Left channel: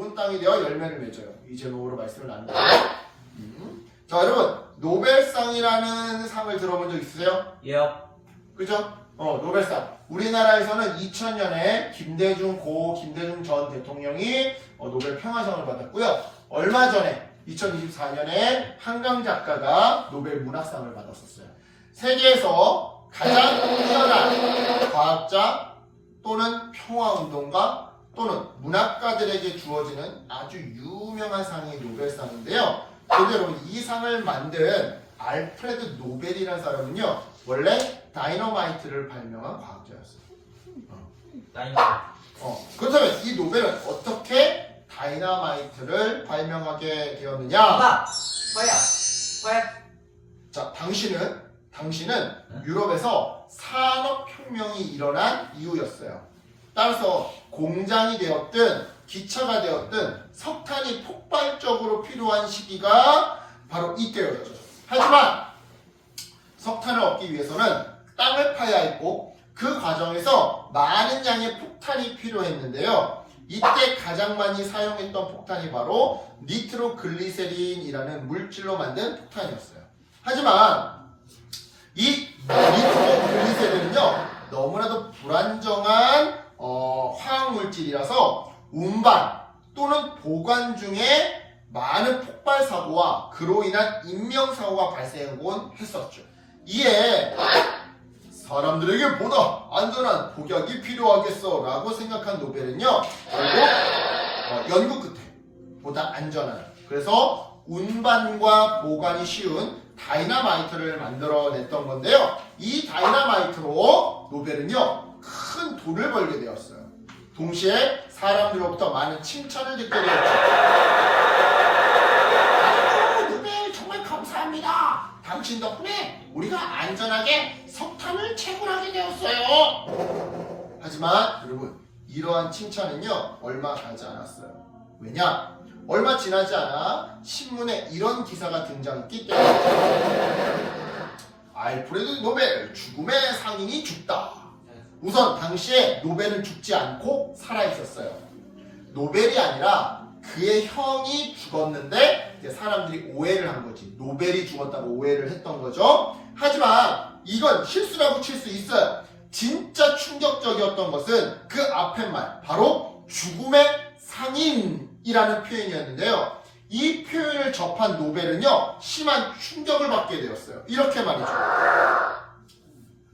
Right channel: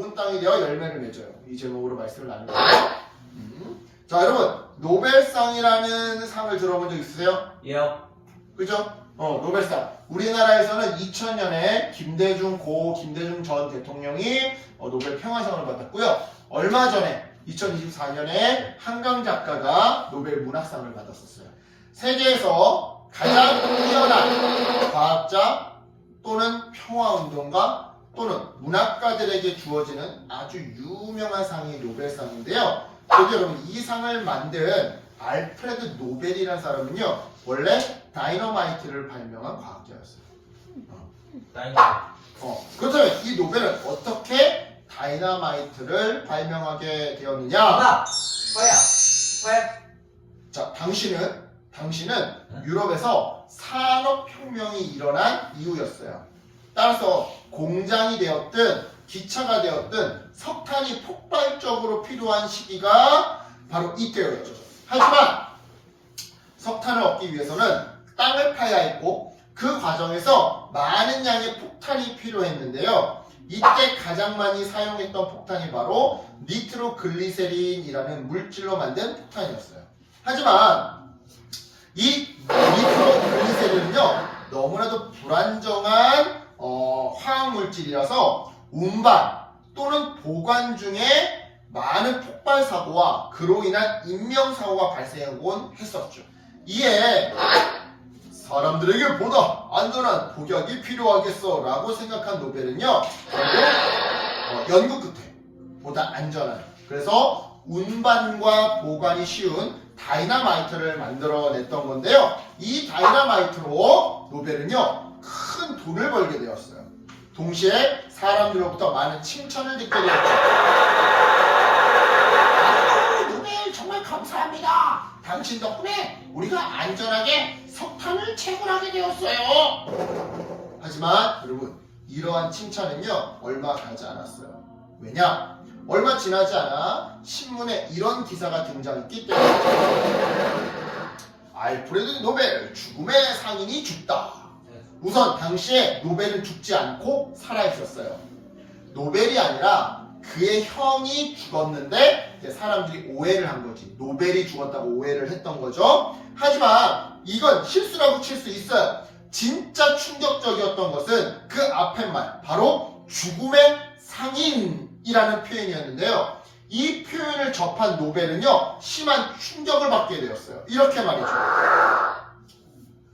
좋은 땅이 되어 열매를 맺어요. 이 제목으로 말씀을 나누는 거예요. 자, 여러분 노벨상이라는 상을 들어본 적 있으세요? 예. 그죠? 노벨상. 우리나라에서는 2000년에 김대중 전 대통령이 노벨 평화상을 받았고요. 얼마 전에 2024년에 한강 작가가 노벨 문학상을 받았었어요. 세계에서 가장 뛰어난 과학자 또는 평화운동가 또는 문학가들에게 주어지는 아주 유명한 상이 노벨상인데요. 근데 여러분 이 상을 만든 알프레드 노벨이라는 사람은요 원래 다이너마이트를 발명한 과학자였어요. 그렇다면 이 노벨은 어떻게 다이너마이트를 발명하게 되었느냐? 자, 당신은 유럽에서 산업혁명이 일어난 이후였어요. 따라서 공장이 되었든 기차가 되었든 석탄이 폭발적으로 필요한 시기가 바로 이때였죠. 하지만 석탄을 얻기 위해서는 땅을 파야 했고 그 과정에서 많은 양의 폭탄이 필요했는데요. 이때 가장 많이 사용했던 폭탄이 바로 니트로글리세린이라는 물질로 만든 폭탄이었어요. 하지만 이 니트로글리세린은요 너무나도 불안정한 화학물질이라서 운반 또는 보관 중에 많은 폭발 사고와 그로 인한 인명사고가 발생하곤 했었죠. 이에 사람들에게 보다 안전한 복약이 필요하겠어 라고 생각한 노벨은요 결국 연구 끝에 보다 안전한 그래서 운반과 보관이 쉬운 다이너마이트를 만들어냈던 건데요. 이 다이너마이트로 노벨은요 큰 돈을 벌게 되었어요. 동시에 사람들로부터 많은 칭찬을 듣게 되었죠. 노벨 정말 감사합니다. 당신 덕분에 우리가 안전하게 석탄을 채굴하게 되었어요. 하지만 여러분 이러한 칭찬은요 얼마 가지 않았어요. 왜냐? 얼마 지나지 않아 신문에 이런 기사가 등장했기 때문에 알프레드 노벨 죽음의 상인이 죽다. 우선 당시에 노벨은 죽지 않고 살아있었어요. 노벨이 아니라 그의 형이 죽었는데 사람들이 오해를 한 거지. 노벨이 죽었다고 오해를 했던 거죠. 하지만 이건 실수라고 칠 수 있어요. 진짜 충격적이었던 것은 그 앞에 말 바로 죽음의 상인이라는 표현이었는데요. 이 표현을 접한 노벨은요 심한 충격을 받게 되었어요. 이렇게 말이죠.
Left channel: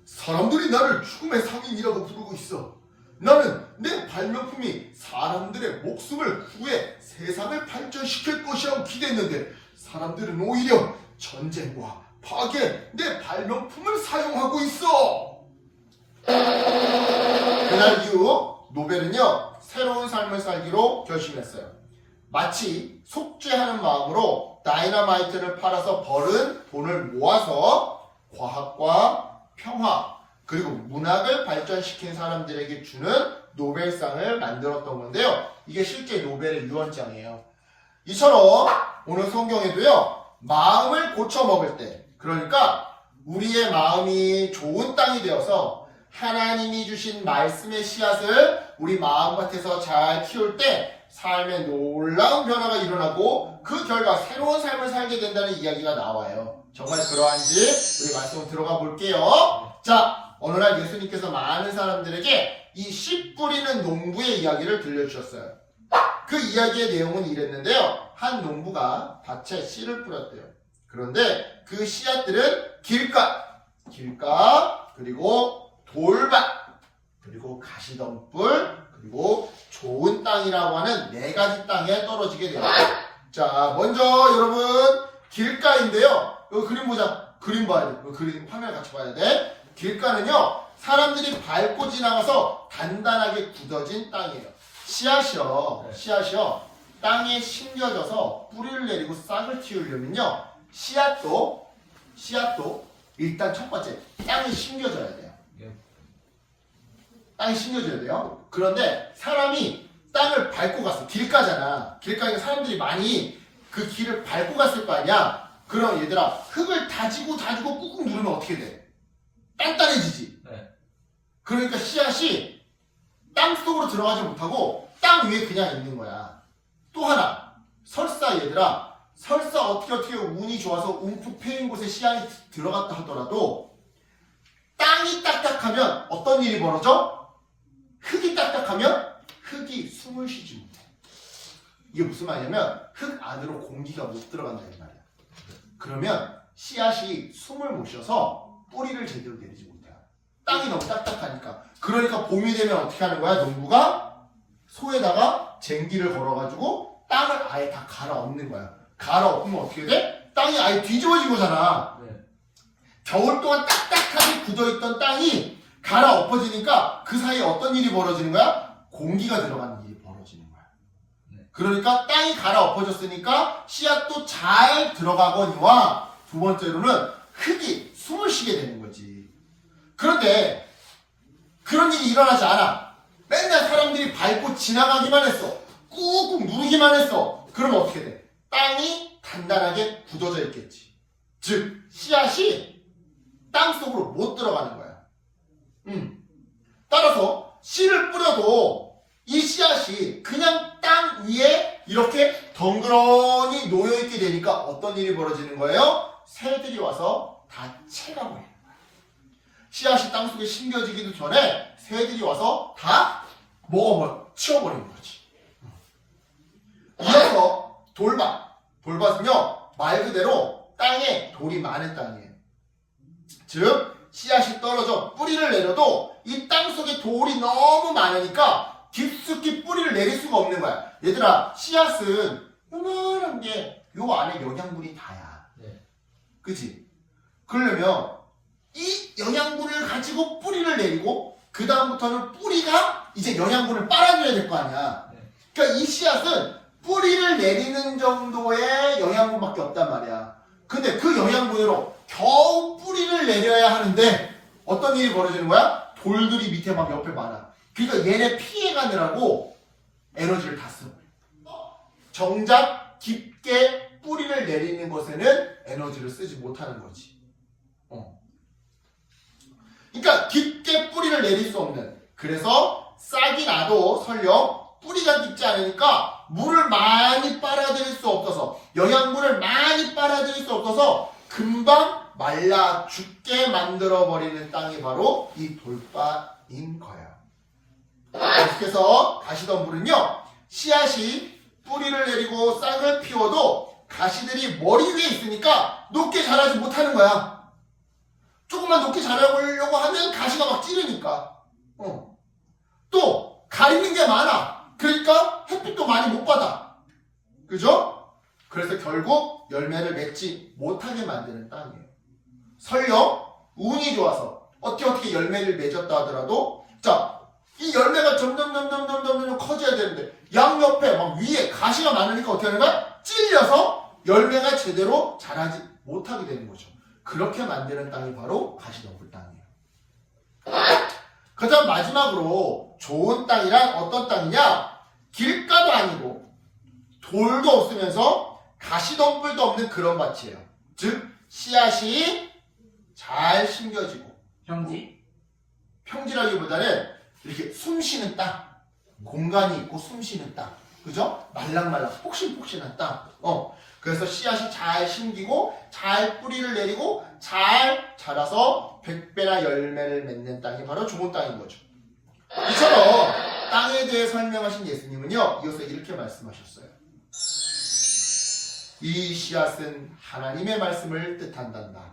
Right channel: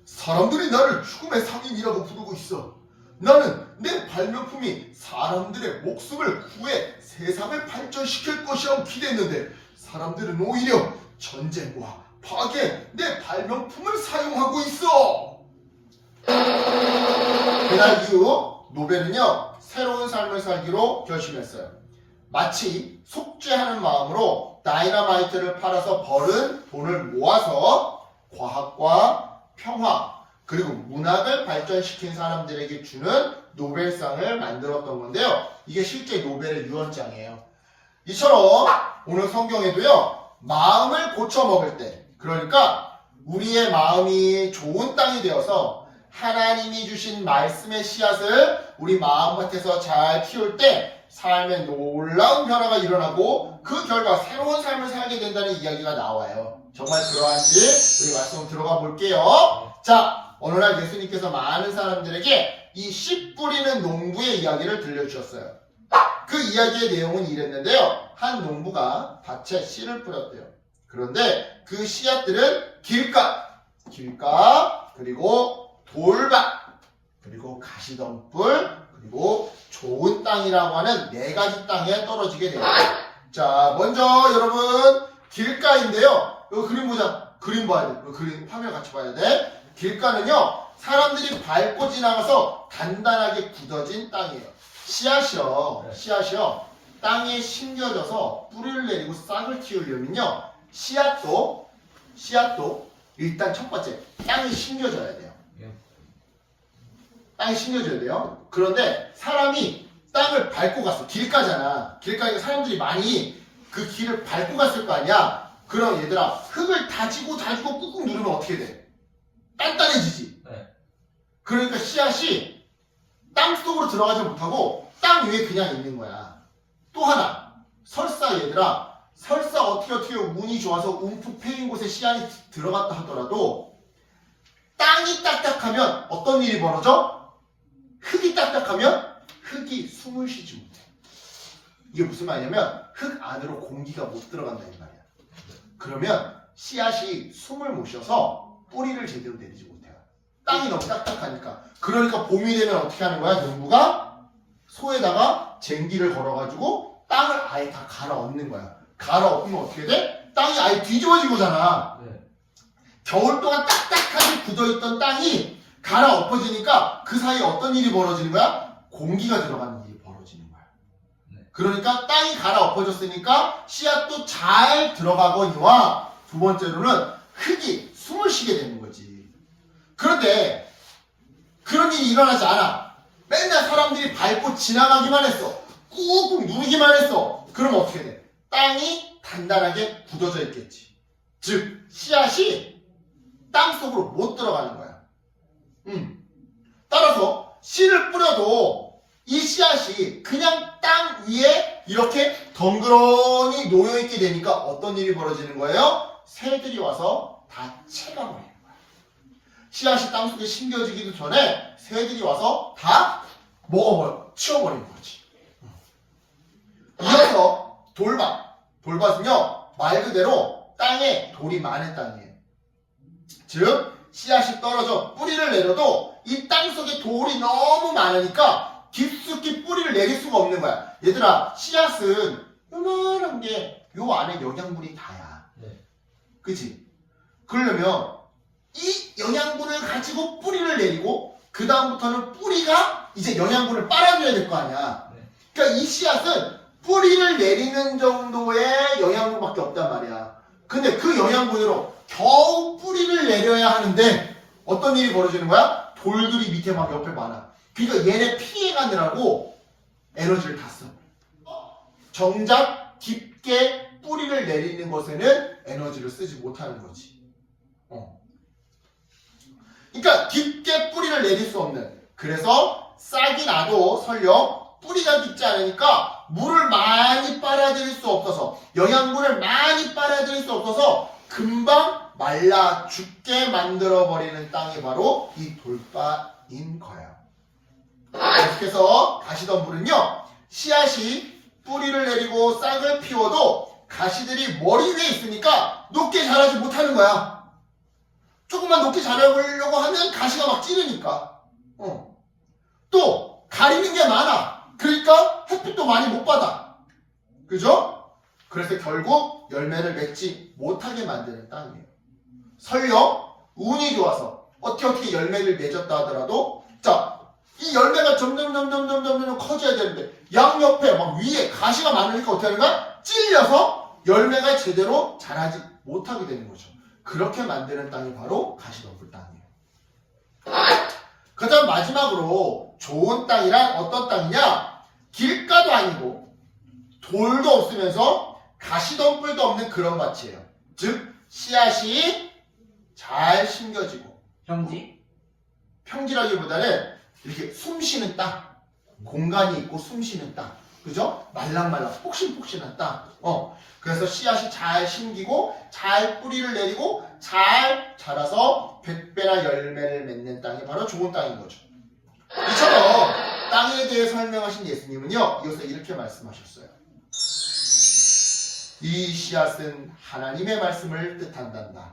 사람들이 나를 죽음의 상인이라고 부르고 있어. 나는 내 발명품이 사람들의 목숨을 구해 세상을 발전시킬 것이라고 기대했는데 사람들은 오히려 전쟁과 파괴 내 발명품을 사용하고 있어. 그날 이후 노벨은요 새로운 삶을 살기로 결심했어요. 마치 속죄하는 마음으로 다이너마이트를 팔아서 벌은 돈을 모아서 과학과 평화 그리고 문학을 발전시킨 사람들에게 주는 노벨상을 만들었던 건데요. 이게 실제 노벨의 유언장이에요. 이처럼 오늘 성경에도요. 마음을 고쳐먹을 때 그러니까 우리의 마음이 좋은 땅이 되어서 하나님이 주신 말씀의 씨앗을 우리 마음밭에서 잘 키울 때 삶에 놀라운 변화가 일어나고 그 결과 새로운 삶을 살게 된다는 이야기가 나와요. 정말 그러한지 우리 말씀 들어가 볼게요. 자, 어느 날 예수님께서 많은 사람들에게 이 씨 뿌리는 농부의 이야기를 들려주셨어요. 그 이야기의 내용은 이랬는데요. 한 농부가 밭에 씨를 뿌렸대요. 그런데 그 씨앗들은 길가, 그리고 돌밭, 그리고 가시덤불, 그리고 좋은 땅이라고 하는 4가지 땅에 떨어지게 돼요. 자, 먼저 여러분 길가인데요. 여기 그림 보자. 그림 봐야 돼. 그림 화면 같이 봐야 돼. 길가는요. 사람들이 밟고 지나가서 단단하게 굳어진 땅이에요. 씨앗이요. 땅에 심겨져서 뿌리를 내리고 싹을 틔우려면요. 씨앗도 일단 첫 번째 땅에 심겨져야 돼요. 땅에 심겨져야 돼요. 그런데 사람이 땅을 밟고 갔어. 길가잖아. 길가에 사람들이 많이 그 길을 밟고 갔을 거 아니야. 그럼 얘들아 흙을 다지고 꾹꾹 누르면 어떻게 돼? 단단해지지. 네. 그러니까 씨앗이 땅 속으로 들어가지 못하고 땅 위에 그냥 있는 거야. 또 하나, 설사 얘들아, 설사 어떻게 운이 좋아서 움푹 패인 곳에 씨앗이 들어갔다 하더라도 땅이 딱딱하면 어떤 일이 벌어져? 흙이 딱딱하면 흙이 숨을 쉬지 못해. 이게 무슨 말이냐면 흙 안으로 공기가 못 들어간다는 말이야. 그러면 씨앗이 숨을 못 쉬어서 뿌리를 제대로 내리지 못해요. 땅이 너무 딱딱하니까. 그러니까 봄이 되면 어떻게 하는 거야? 농부가 소에다가 쟁기를 걸어가지고 땅을 아예 다 갈아엎는 거야. 갈아엎으면 어떻게 돼? 땅이 아예 뒤집어지고잖아. 네. 겨울 동안 딱딱하게 굳어있던 땅이 갈아엎어지니까 그 사이에 어떤 일이 벌어지는 거야? 공기가 들어가는 일이 벌어지는 거야. 네. 그러니까 땅이 갈아엎어졌으니까 씨앗도 잘 들어가거니와 두 번째로는 흙이 숨을 쉬게 되는 거지. 그런데 그런 일이 일어나지 않아. 맨날 사람들이 밟고 지나가기만 했어. 꾹꾹 누르기만 했어. 그러면 어떻게 돼? 땅이 단단하게 굳어져 있겠지. 즉 씨앗이 땅속으로 못 들어가는 거야. 따라서 씨를 뿌려도 이 씨앗이 그냥 땅 위에 이렇게 덩그러니 놓여있게 되니까 어떤 일이 벌어지는 거예요? 새들이 와서 다 채가버리는 거야. 씨앗이 땅속에 심겨지기도 전에 새들이 와서 다 치워버리는 거지. 이어서 돌밭은요 말 그대로 땅에 돌이 많은 땅이에요. 즉 씨앗이 떨어져 뿌리를 내려도 이 땅속에 돌이 너무 많으니까 깊숙이 뿌리를 내릴 수가 없는 거야. 얘들아, 씨앗은 요만한 게 요 안에 영양분이 다야. 네. 그치? 그러려면 이 영양분을 가지고 뿌리를 내리고 그 다음부터는 뿌리가 이제 영양분을 빨아줘야 될 거 아니야. 네. 그러니까 이 씨앗은 뿌리를 내리는 정도의 영양분밖에 없단 말이야. 근데 그 영양분으로 겨우 뿌리를 내려야 하는데 어떤 일이 벌어지는 거야? 돌들이 밑에 막 옆에 많아. 그러니까 얘네 피해가느라고 에너지를 다 써. 정작 깊게 뿌리를 내리는 것에는 에너지를 쓰지 못하는 거지. 그러니까 깊게 뿌리를 내릴 수 없는. 그래서 싹이 나도 설령 뿌리가 깊지 않으니까 물을 많이 빨아들일 수 없어서 영양분을 많이 빨아들일 수 없어서 금방 말라 죽게 만들어버리는 땅이 바로 이 돌밭인 거예요. 계속해서 가시덤불은요 씨앗이 뿌리를 내리고 싹을 피워도 가시들이 머리 위에 있으니까 높게 자라지 못하는 거야. 조금만 높게 자라보려고 하면 가시가 막 찌르니까. 또 가리는 게 많아. 그러니까 햇빛도 많이 못 받아. 그죠? 그래서 결국 열매를 맺지 못하게 만드는 땅이에요. 설령 운이 좋아서 어떻게 열매를 맺었다 하더라도 자, 이 열매가 점점 커져야 되는데 양옆에 막 위에 가시가 많으니까 어떻게 하는 거야? 찔려서 열매가 제대로 자라지 못하게 되는 거죠. 그렇게 만드는 땅이 바로 가시덤불 땅이에요. 그 다음 마지막으로 좋은 땅이란 어떤 땅이냐? 길가도 아니고 돌도 없으면서 가시덤불도 없는 그런 밭이에요. 즉 씨앗이 잘 심겨지고 평지라기보다는 이렇게 숨쉬는 땅, 공간이 있고 숨쉬는 땅, 그죠? 말랑말랑 폭신폭신한 땅. 그래서 씨앗이 잘 심기고 잘 뿌리를 내리고 잘 자라서 100배나 열매를 맺는 땅이 바로 좋은 땅인 거죠. 이처럼 땅에 대해 설명하신 예수님은요 이어서 이렇게 말씀하셨어요. 이 씨앗은 하나님의 말씀을 뜻한단다.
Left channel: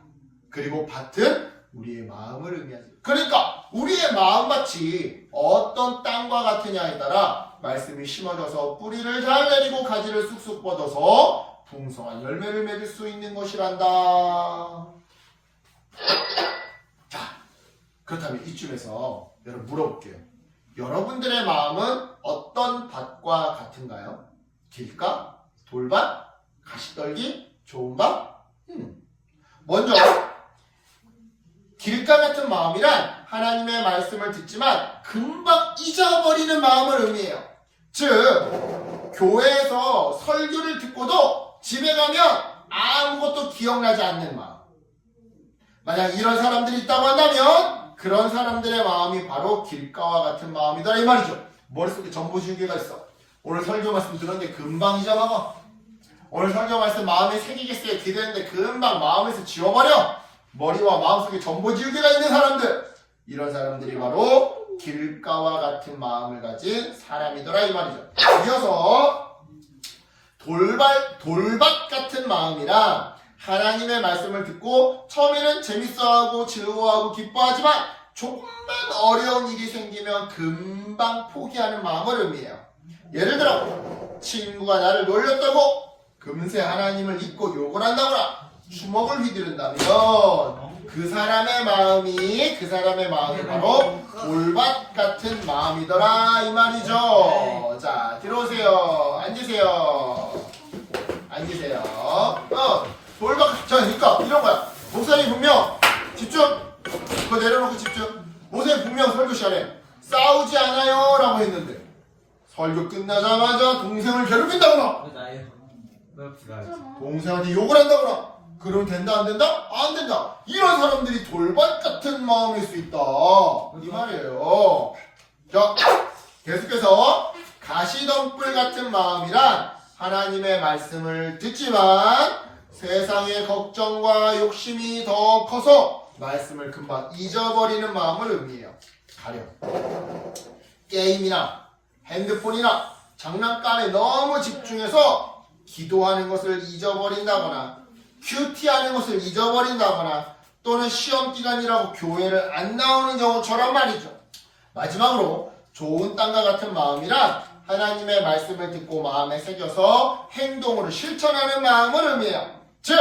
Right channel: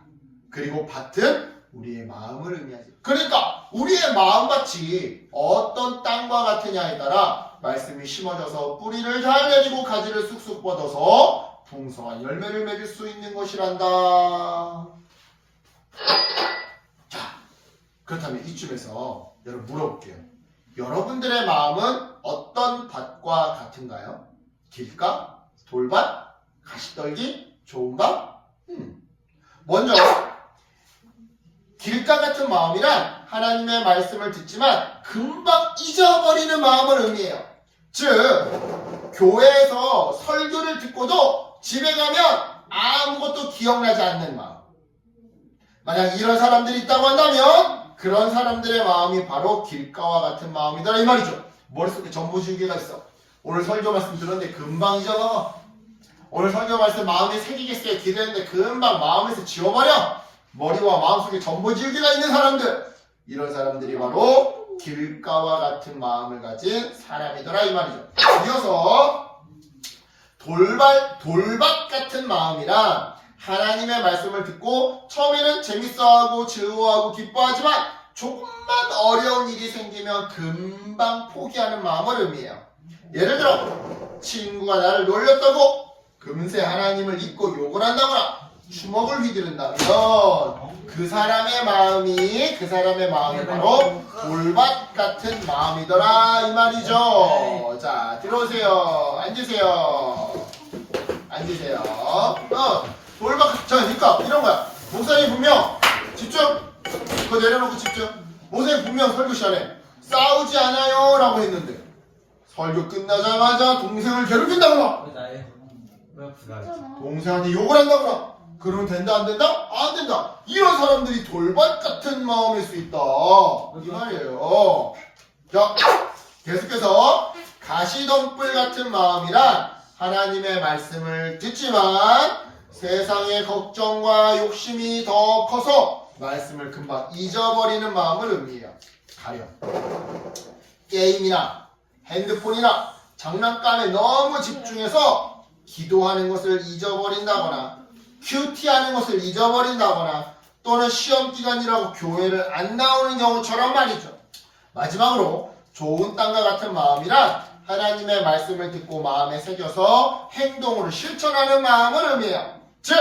그리고 밭은 우리의 마음을 의미하지. 그러니까 우리의 마음밭이 어떤 땅과 같으냐에 따라 말씀이 심어져서 뿌리를 잘 내리고 가지를 쑥쑥 뻗어서 풍성한 열매를 맺을 수 있는 것이란다. 자, 그렇다면 이쯤에서 여러분 물어볼게요. 여러분들의 마음은 어떤 밭과 같은가요? 길가? 돌밭? 가시떨기? 좋은 밭? 먼저 길가 같은 마음이란 하나님의 말씀을 듣지만 금방 잊어버리는 마음을 의미해요. 즉 교회에서 설교를 듣고도 집에 가면 아무것도 기억나지 않는 마음. 만약 이런 사람들이 있다고 한다면 그런 사람들의 마음이 바로 길가와 같은 마음이다 이 말이죠. 머릿속에 정보지우개가 있어. 오늘 설교 말씀 들었는데 금방 잊어먹어. 오늘 설교 말씀 마음에 새기겠어요 기대했는데 금방 마음에서 지워버려. 머리와 마음속에 전보지우개가 있는 사람들. 이런 사람들이 바로 길가와 같은 마음을 가진 사람이더라 이 말이죠. 이어서 돌밭 같은 마음이란 하나님의 말씀을 듣고 처음에는 재밌어하고 즐거워하고 기뻐하지만 조금만 어려운 일이 생기면 금방 포기하는 마음을 의미해요. 예를 들어 친구가 나를 놀렸다고 금세 하나님을 잊고 욕을 한다거나 주먹을 휘두른다면 그 사람의 마음이 바로 돌밭 같은 마음이더라 이 말이죠. 자, 들어오세요. 앉으세요. 돌밭. 자, 그러니까 이런 거야. 목사님 분명 집중. 그거 내려놓고 집중. 목사님 분명 설교 시간에 싸우지 않아요 라고 했는데 설교 끝나자마자 동생을 괴롭힌다거나 동생한테 욕을 한다거나 그러면 된다 안 된다? 안 된다. 이런 사람들이 돌밭 같은 마음일 수 있다 이 말이에요. 자, 계속해서 가시덤불 같은 마음이란 하나님의 말씀을 듣지만 세상의 걱정과 욕심이 더 커서 말씀을 금방 잊어버리는 마음을 의미해요. 가령 게임이나 핸드폰이나 장난감에 너무 집중해서 기도하는 것을 잊어버린다거나 큐티하는 것을 잊어버린다거나 또는 시험기간이라고 교회를 안 나오는 경우처럼 말이죠. 마지막으로 좋은 땅과 같은 마음이란 하나님의 말씀을 듣고 마음에 새겨서 행동으로 실천하는 마음을 의미해요. 즉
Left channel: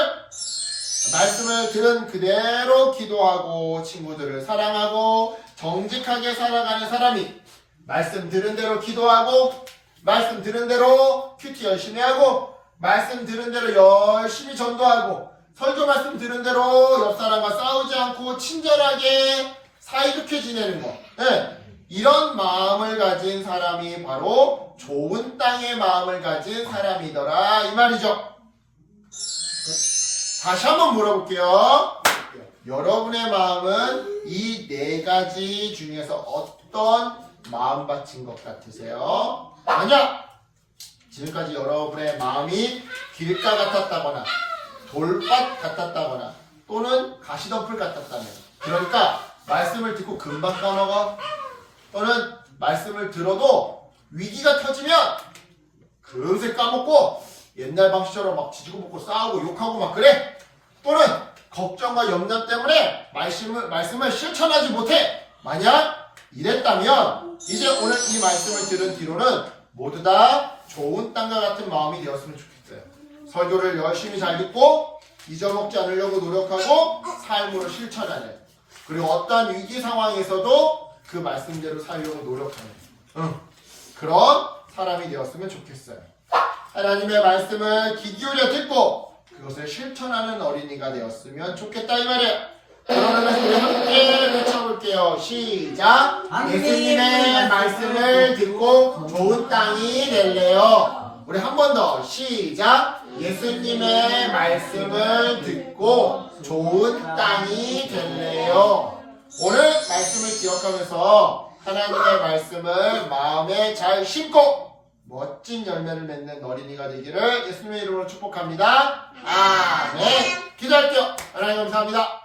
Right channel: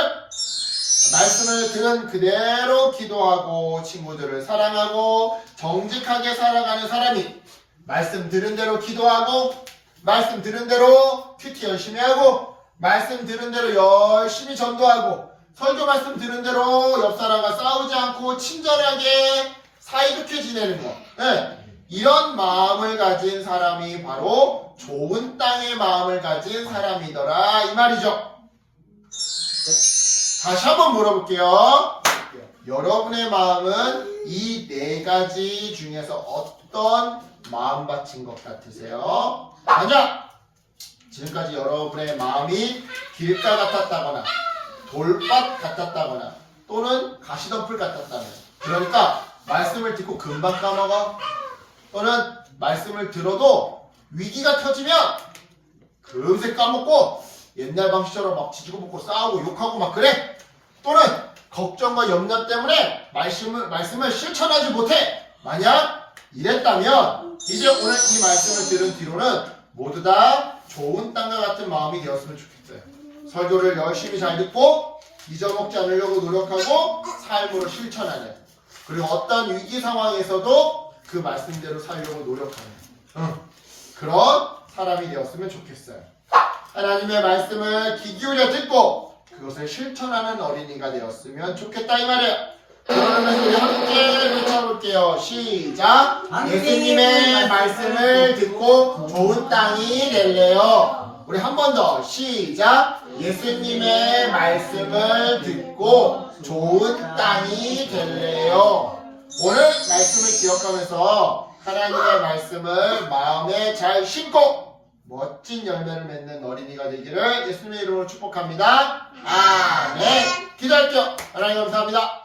말씀을 들은 그대로 기도하고 친구들을 사랑하고 정직하게 살아가는 사람이 말씀 들은 대로 기도하고 말씀 들은 대로 큐티 열심히 하고 말씀 들은 대로 열심히 전도하고 설교 말씀 들은 대로 옆 사람과 싸우지 않고 친절하게 사이좋게 지내는 거. 네. 이런 마음을 가진 사람이 바로 좋은 땅의 마음을 가진 사람이더라 이 말이죠. 다시 한번 물어볼게요. 여러분의 마음은 이 네 가지 중에서 어떤 마음밭인 것 같으세요? 만약 지금까지 여러분의 마음이 길가 같았다거나 돌밭 같았다거나 또는 가시덤불 같았다면, 그러니까 말씀을 듣고 금방 까먹어, 또는 말씀을 들어도 위기가 터지면 금세 까먹고 옛날 방식처럼 막 지지고 볶고 싸우고 욕하고 막 그래, 또는 걱정과 염려 때문에 말씀을 실천하지 못해. 만약 이랬다면 이제 오늘 이 말씀을 들은 뒤로는 모두 다 좋은 땅과 같은 마음이 되었으면 좋겠어요. 설교를 열심히 잘 듣고 잊어먹지 않으려고 노력하고 삶으로 실천하는, 그리고 어떤 위기 상황에서도 그 말씀대로 살려고 노력하는 그런 사람이 되었으면 좋겠어요. 하나님의 말씀을 귀 기울여 듣고 그것을 실천하는 어린이가 되었으면 좋겠다 이 말이에요. 그러면 우리 함께 외쳐볼게요. 시작. 예수님의 말씀을 듣고 좋은 땅이 될래요. 우리 한 번 더. 시작. 예수님의 말씀을 듣고 좋은 땅이 될래요. 오늘 말씀을 기억하면서 하나님의 말씀을 마음에 잘 심고 멋진 열매를 맺는 어린이가 되기를 예수님의 이름으로 축복합니다. 아멘. 기도할게요. 하나님 감사합니다.